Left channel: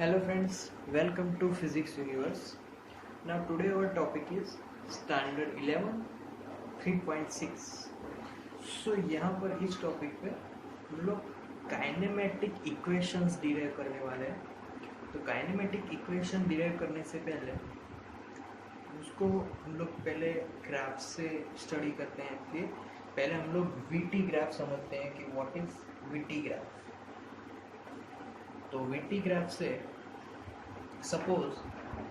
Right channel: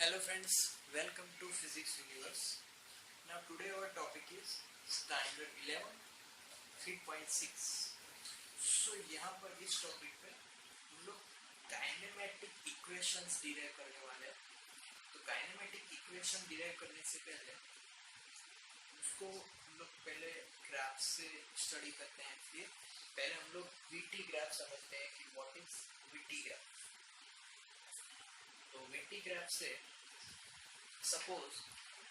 Hello friends, welcome to Physics Universe. Now today our topic is Standard 11 3.6. So यहाँ पर इस topic पे हम लोग काइनेमेटिक इक्वेशंस डिराइव करने वाले हैं. तो काइनेमेटिक इक्वेशन डिराइव करने से पहले उसको हम लोग पहले ग्राफ से स्टडी करते हैं. फिर पहले हम लोग वीटी ग्राफ समझते हैं कि व्हाट इज वीटी ग्राफ. तो वीटी ग्राफ से सपोज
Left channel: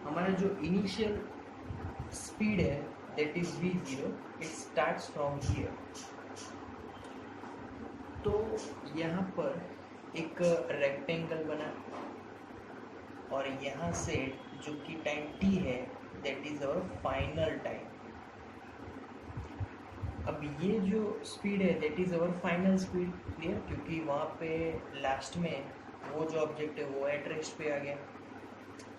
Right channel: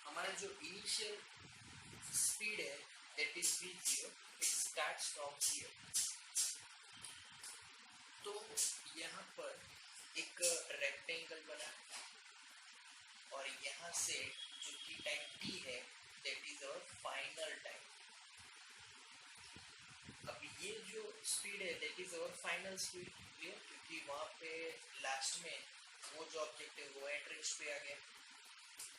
हमारा जो इनिशियल स्पीड है that is v0, it starts from here. तो यहाँ पर एक रेक्टेंगल बना और यहाँ से जो कि टाइम t है that is our final time. अब ये जो स्पीड है that is our final speed. Clear, क्योंकि वहाँ पे लास्ट में वो जो ऑब्जेक्ट है वो एट रेस्ट पे आ गया.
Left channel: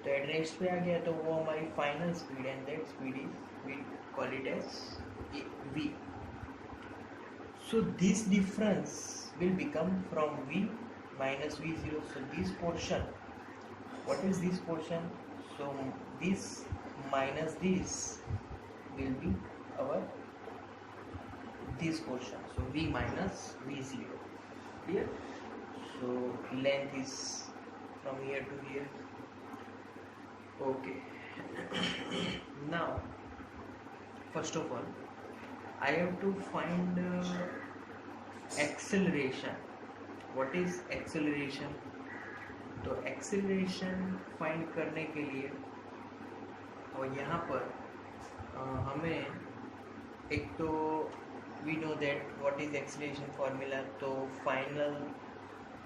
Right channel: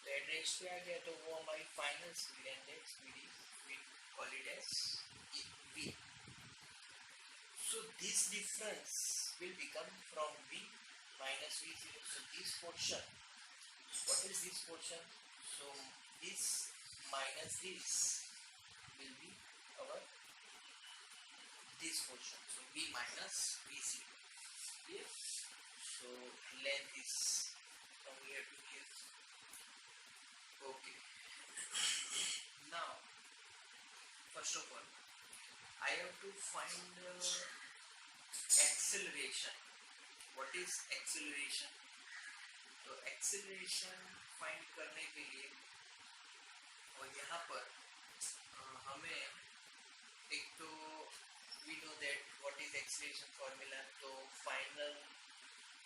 तो एट रेस्ट पे आ गया तो वो हमारी final speed and that speed is we call it as v. So this difference will become from v minus v0. So this portion, what is this portion? So this minus this will be our this portion. So v minus v0. Clear? So length is from here to here. Okay. Now first of all I have to find acceleration. What is acceleration? तो acceleration find करने के लिए और यहाँ पर हमें एक तो we know that what is acceleration formula. तो final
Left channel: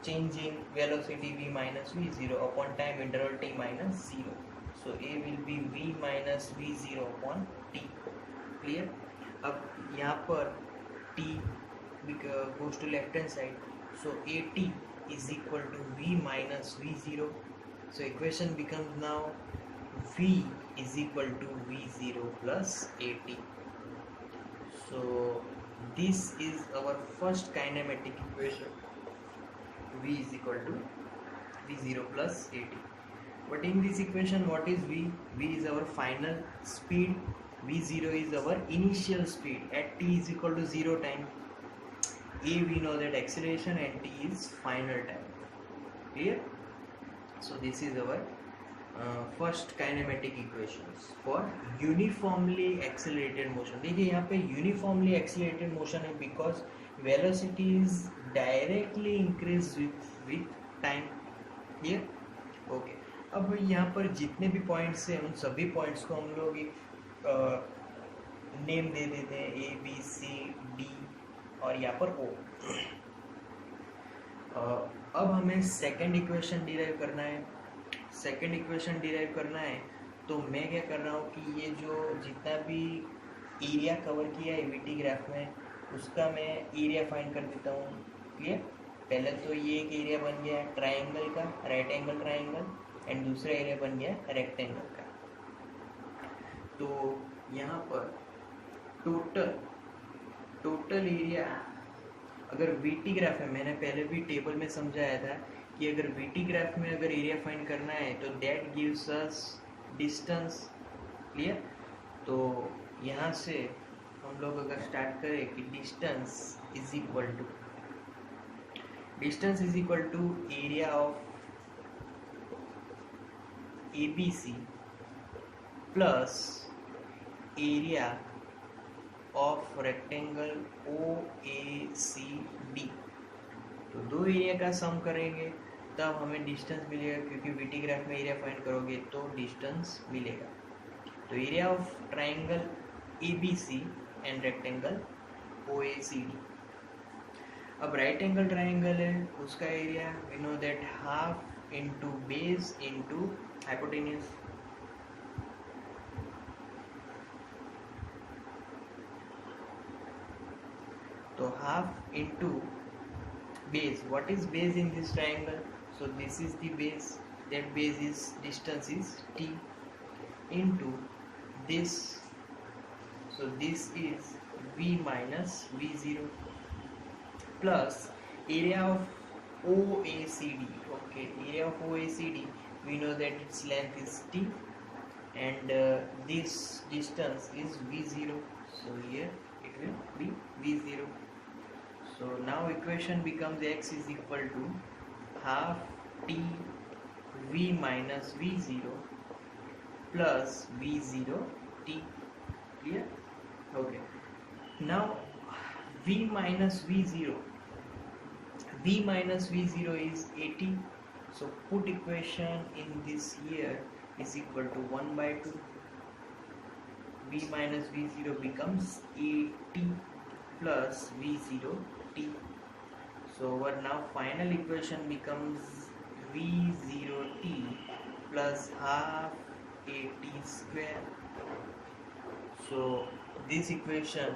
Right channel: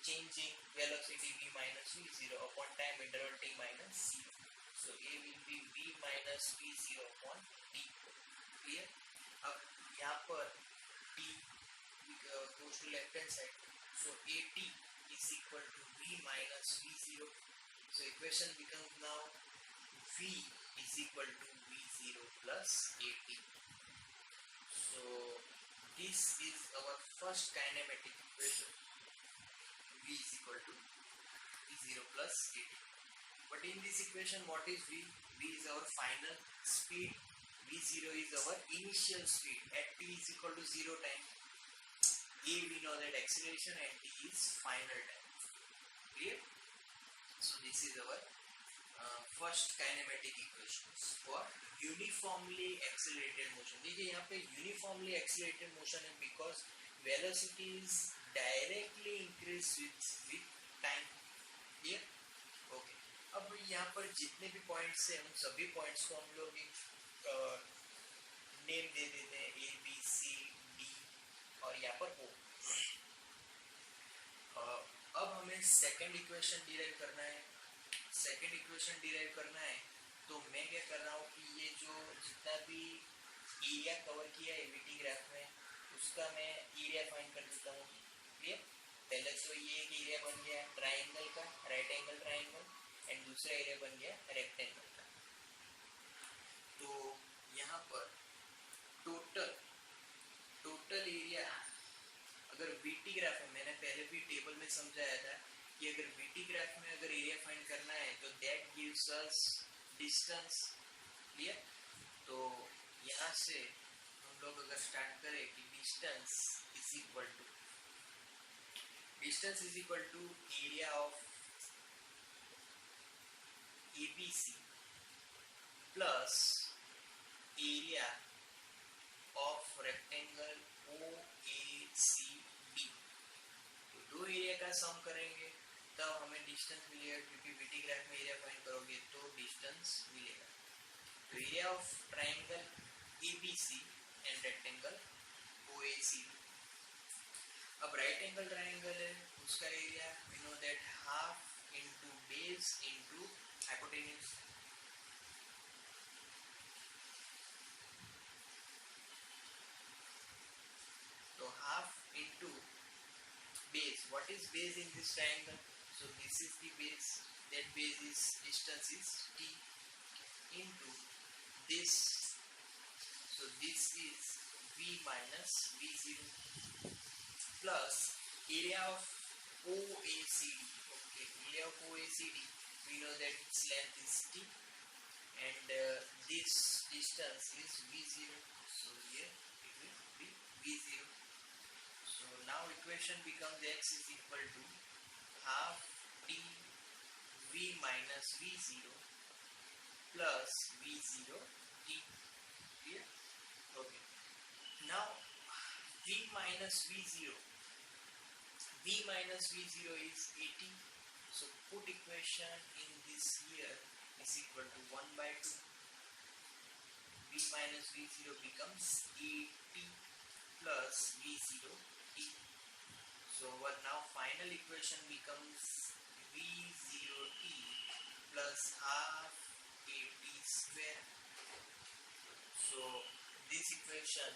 changing velocity v minus v0 upon time interval t minus 0. So a will be v minus v0 upon t. Clear? अब यहाँ पर t goes to left hand side. So at is equal to v minus v0. So equation becomes now v is equal to v0 plus at. So this is our first kinematic equation. V is equal to v0 plus at. But in this equation what is v? V is our final speed, v0 is our initial speed at t is equal to 0 time. A we know that acceleration and t is final time. Clear? So this is our first kinematic equations for uniformly accelerated motion. देखिए यहाँ पे uniformly accelerated motion है because velocity is directly increase with time. Clear? Okay. अब यहाँ पर जितने भी points हैं उन सभी पॉइंट्स को हम लोग एक नेम दे देते हैं ए बी सी डी और यहाँ पर ओ. अब हमें सेकंड इक्वेशन डिराइव करना है. सेकंड इक्वेशन डिराइव करना है तो मैं क्या कर रहा हूँ कि ये जो जितना भी एरिया कवर किया है वीटी ग्राफ में उसका मैं एरिया फाइंड कर देता हूँ. क्लियर? पहले तो ये एक एरिया बन गया ट्राइंगल का, राइट एंगल ट्राइंगल, एंड दूसरा एरिया बन गया रेक्टेंगल का. तो यहाँ पर टोटल एरिया अगर वीटी ग्राफ है, मैंने पहले भी टेबल में समझाया था कि अगर वीटी ग्राफ में अगर एरिया फाइंड करना है तो that gives us distance. Clear? तो यहाँ से हम लोग अगर स्टार्ट करें कि distance is equal to area of ABC plus area of rectangle OACD. तो दो एरिया का सम करेंगे तब हमें डिस्टेंस मिलेगा, क्योंकि वीटी ग्राफ में एरिया फाइंड करोगे तो डिस्टेंस मिलेगा. तो area of triangle ABC and rectangle OACD. अब राइट एंगल ट्राइंगल है उसका area we know that half into base into hypotenuse. तो half into base. What is base in this triangle? So this is the base. That base is distance is t into this. So this is v minus v0 plus area of OACD. Okay, area of OACD we know that its length is t, and this distance is v0. So here it will be v0. So now equation becomes x is equal to half t v minus v0 plus v0 t. Clear? Okay. Now v minus v0 is 80. So put equation in this here is equal to 1 by 2. V minus v0 becomes 80 plus v0 t. So our now final equation becomes v0 t plus half 80 square. So this equation,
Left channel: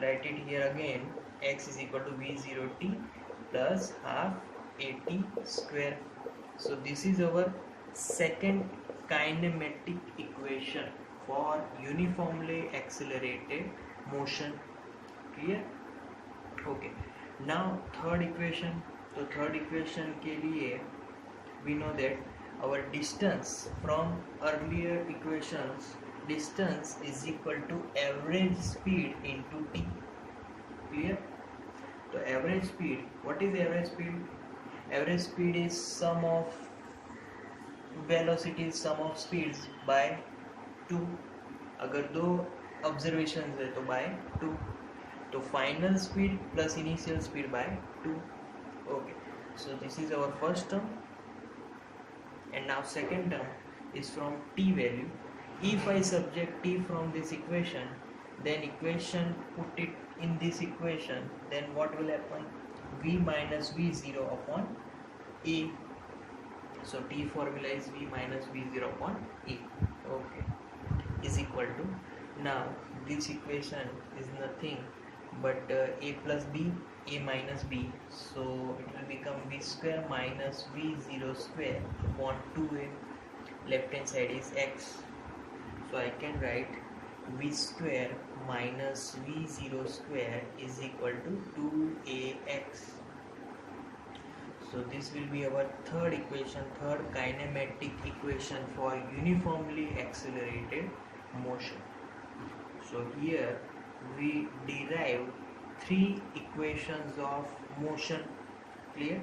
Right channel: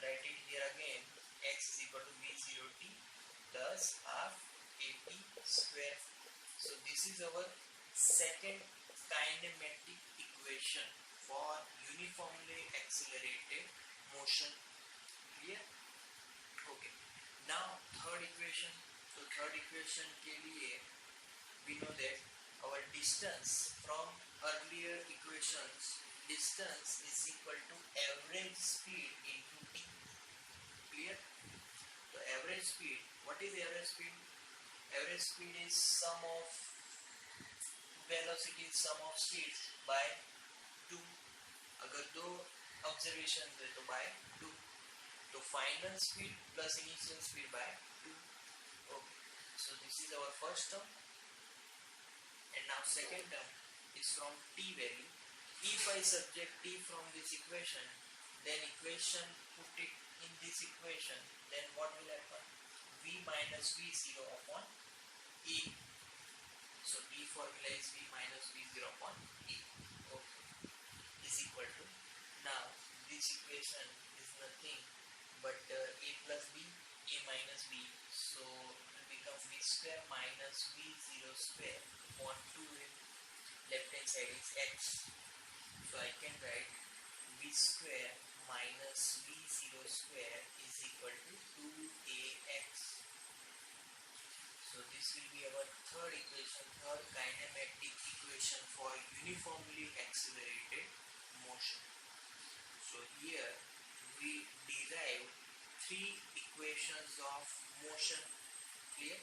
write it here again, x is equal to v0 t plus half 80 square. So this is our second kinematic equation for uniformly accelerated motion. Clear? Okay. Now third equation. So third equation के लिए we know that our distance from earlier equations, distance is equal to average speed into t. Clear? So average speed, what is average speed? Average speed is sum of velocity, sum of speeds by 2. अगर दो observations है तो by 2. तो final speed plus initial speed by 2. Okay. So this is our first term. And now second term is from t value. If I subtract t from this equation, then equation put it in this equation, then what will happen? V minus v0 upon a. So t formula is v minus v0 upon a. Okay, is equal to, now this equation is nothing but a plus b, a minus b. So it will become v square minus v0 square upon 2a. Left hand side is x. So I can write v square minus v0 square is equal to 2ax. So this will be our third equation, third kinematic equation for uniformly accelerated motion. So here we derive 3 equations of motion. Clear?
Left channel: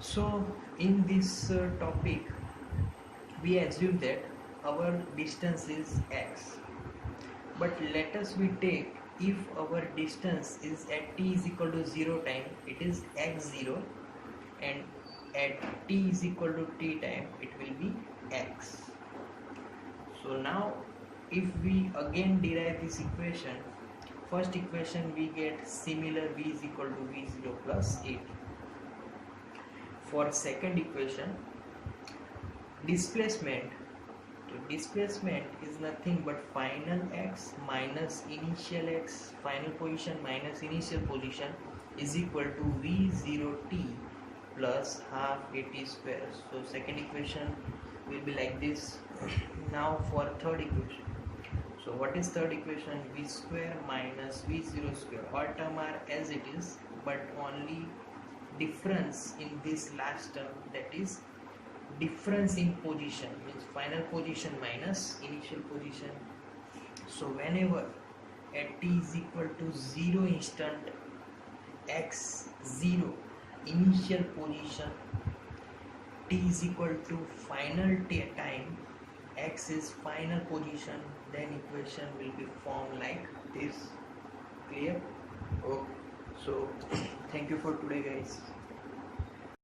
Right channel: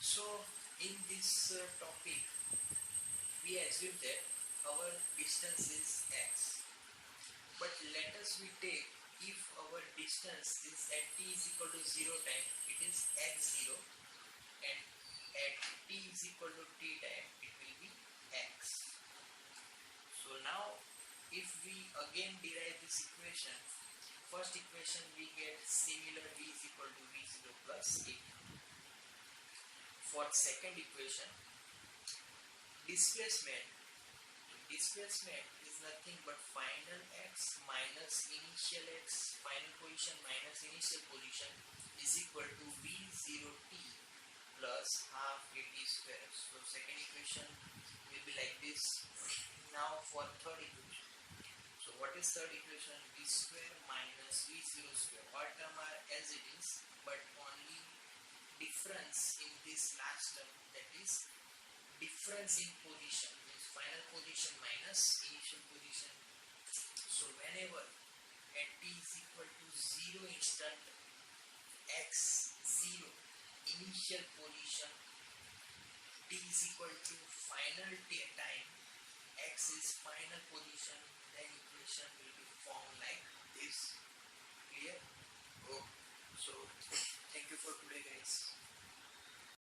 So in this topic we assume that our distance is x, but let us we take, if our distance is at t is equal to 0 time, it is x0, and at t is equal to t time it will be x. So now if we again derive this equation, first equation we get similar v is equal to v0 plus 8. For second equation, displacement is nothing but final x minus initial x, final position minus initial position, is equal to v0t plus half 80 square. So second equation will be like this. Now for third equation, so what is third equation? V square minus v0 square, all term are as it is, but only difference in this last term, that is difference in position, means final position minus initial position. So whenever at t is equal to 0 instant, x 0 initial position, t is equal to final time, x is final position, then equation will be formed like this. Clear? Okay. So thank you for today guys.